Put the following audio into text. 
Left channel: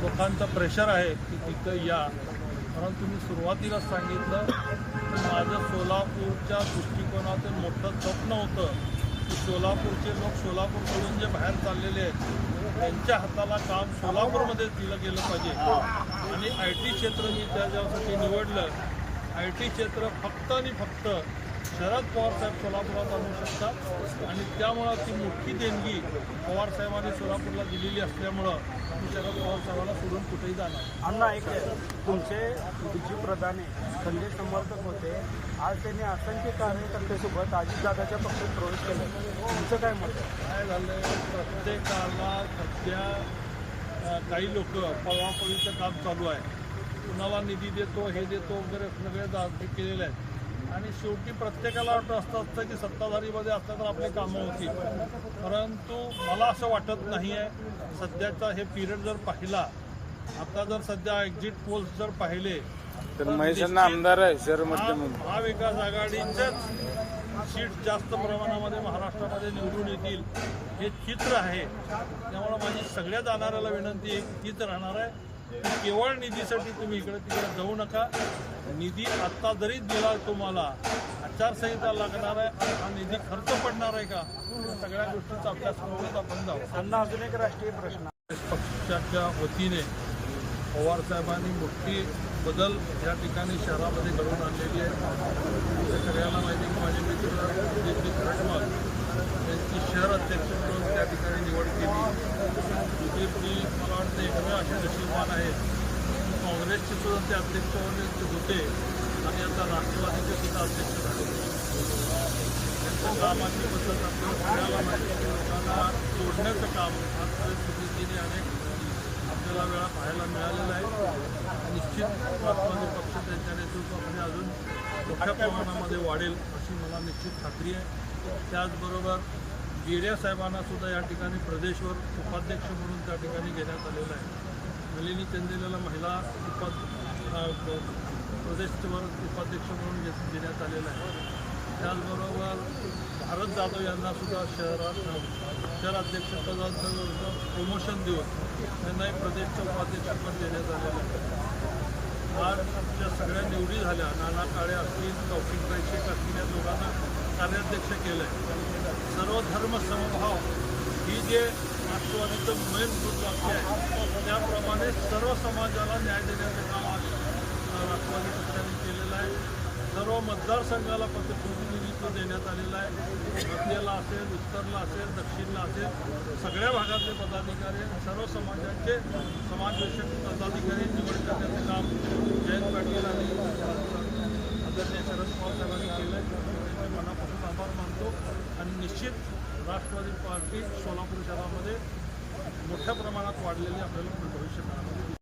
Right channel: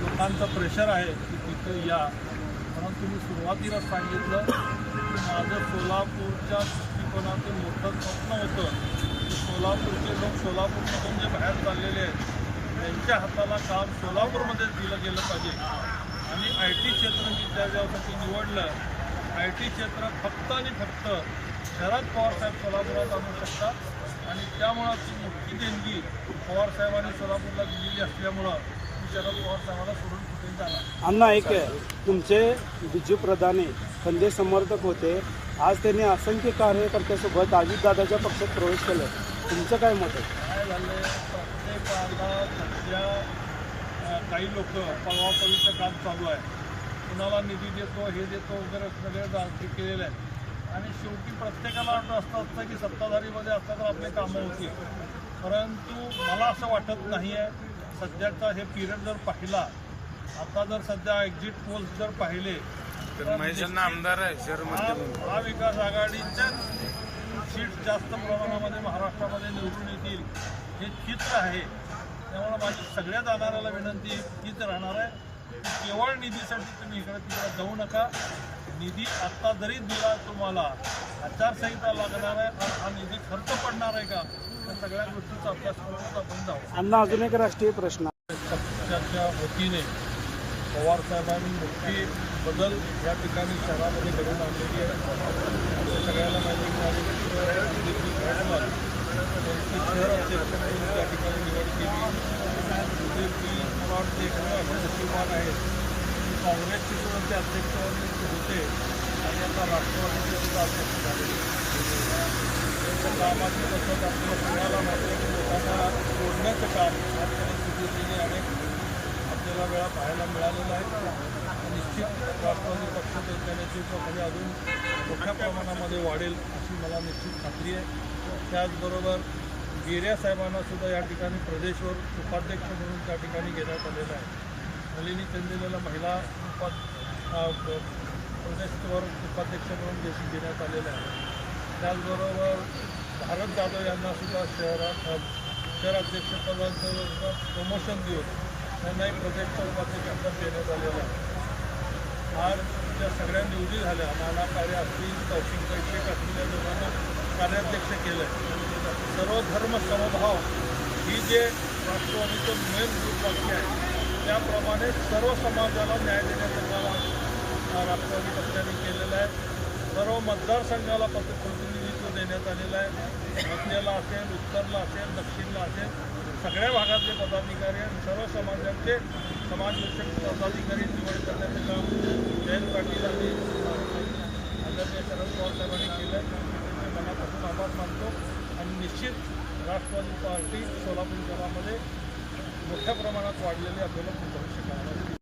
लोकांचं प्रेशर आहे की तिथं या. परंतु मी सुरुवातीला सांगितलं की माझं सोलापूरच्या दृष्टिकोनातून मोठं स्वप्न होतं की सोलापूरचे लोक सोलापूरकडून जे बाहेर चाललेले आहेत त्यांच्या हाताला काम सोलापूरमध्येच दिलं गेलं पाहिजे. आणि आय टी क्षेत्र मी त्याच्यासाठी निवडलं. आय टी क्षेत्र फक्त आणि फक्त शरद पवार साहेब सोलापुरात आणू शकतात. आणि त्यामुळं ती मोठी देणगी पवार साहेबांनी सोलापूरला दिलेली असल्यामुळं मी शरद पवार साहेबांना सोडून कुठेही जाणार अण्णा एक आहे, तुमचे बिजू प्रधाने संजय समर्थक होते. आज त्यांनी असंख्य कार्यकर्त्यासोबत अजितदादाच्या पक्षात प्रवेश केला. तुमचं काय मत आहे? काय झालंय? प्रत्येकाला सध्या काही लोक पळवापळीचं काम चालू आहे. कुणाला निधी देतो हे देतो वगैरे सगळे हे केलेले आहेत. आणि शेवटी प्रत्येकाला वाटतं असं असतं की सत्ताधारीमध्ये असलं तर आपले कामं होतील. परंतु मला असं वाटत नाही आहे सध्याचा हे पिरियड जर पाहिला आता जर सध्या एक्झिट पोल्स जर पाहिले तर आमदार महाविकास आघाडीच्याच सीट जास्त प्रमाणामध्ये महाराष्ट्रामध्ये निवडून येतील हे चित्र आहे. त्यामुळे माझी सगळ्या जाणाऱ्याला विनंती हीच राहणार आहे. की केवळ निधीसाठी तुम्ही इकडे तिकडे जाऊ नका. निधी आत्ता जरी दिला तुम्हाला आचारसंहिता लागणार आहे आणि हा निधी खर्च पडणार आहे का? या सगळ्या गोष्टीचा अभ्यास करूनच आपण जाऊ अण्णा अजून एक राष्ट्रीय प्रश्न. पक्षाच्या वतीने पवार साहेबांनी मोठी बदल या ठिकाणी शहरामध्ये घडवून आणलेली आहे. आपल्या सगळ्याला माहिती की माझे मित्र दिलीप घाटमल यांची शहर अध्यक्ष म्हणून त्या ठिकाणी निवड केली. सगळं असे नशीबवान आहेत. काँग्रेसचे सुद्धा ते अध्यक्ष होते आणि आता राष्ट्रवादीचे सुद्धा अध्यक्ष झालेले त्यांच्या कामाची पद्धत आपल्याला सगळ्याला माहिती आहे की लोकांना जोडण्याचं काम आजपर्यंत सुधीरजीने अनेक आपल्याला वेळा पाहायला मिळालेला आहे. निश्चित राष्ट्रवादी पक्ष त्यांच्या नेतृत्वामध्ये अजून मोठ्या प्रमाणामध्ये वाढेल अशी मला निश्चित खात्री आहे. त्याचबरोबर गिर्या साहेबांना सुद्धा या ठिकाणी प्रदेशवर उपाध्यक्ष म्हणून त्या ठिकाणी घेण्यात आलेलं आहे. नलिनी चंदेलाला महिला उपा प्रदेशवर उपाध्यक्ष म्हणून घे घेण्यात आलेलं आहे. त्याचबरोबर भारत जाधव यांना सुद्धा शहरात अ, शहराध्यक्षपदाचं प्रमोशन देऊन त्यांनाही प्रदेशचं उपाध्यक्षपद देण्यात आलेलं आहे. आज ज्या सगळ्या निवडी झाल्या नाना काळे असतील कौशिक शेख असतील या दोघांना कार्याध्यक्ष केलं आहे सर्वधर्म समभाव ही जे राष्ट्रवादीचं मेन वाक्य आहे त्याप्रमाणे सर्व समाजाला न्याय देण्याचं काम आज राष्ट्रवादी पक्षाने केलेलं आहे. सर्व मतदारसंघाला पत्र प्रतिनिधित्व देण्यात आलेलं आहे. मध्यला असेल उत्तरला असेल दक्षिणला असेल सगळ्या भागातले पदाधिकारी आणि सर्व समाजाचे समाजविषयक पदाधिकारी निवड करण्याचं काम जयंत पाटील आणि आदरणीय शरद पवार साहेबांनी केलं आहे मी त्यांचे मनापासून आभार मानतो. आणि निश्चित राष्ट्रवादी पार्टी सोलापूर शहरामध्ये मोठ्या प्रमाणात वाढलेली आपल्याला भविष्य काळामध्ये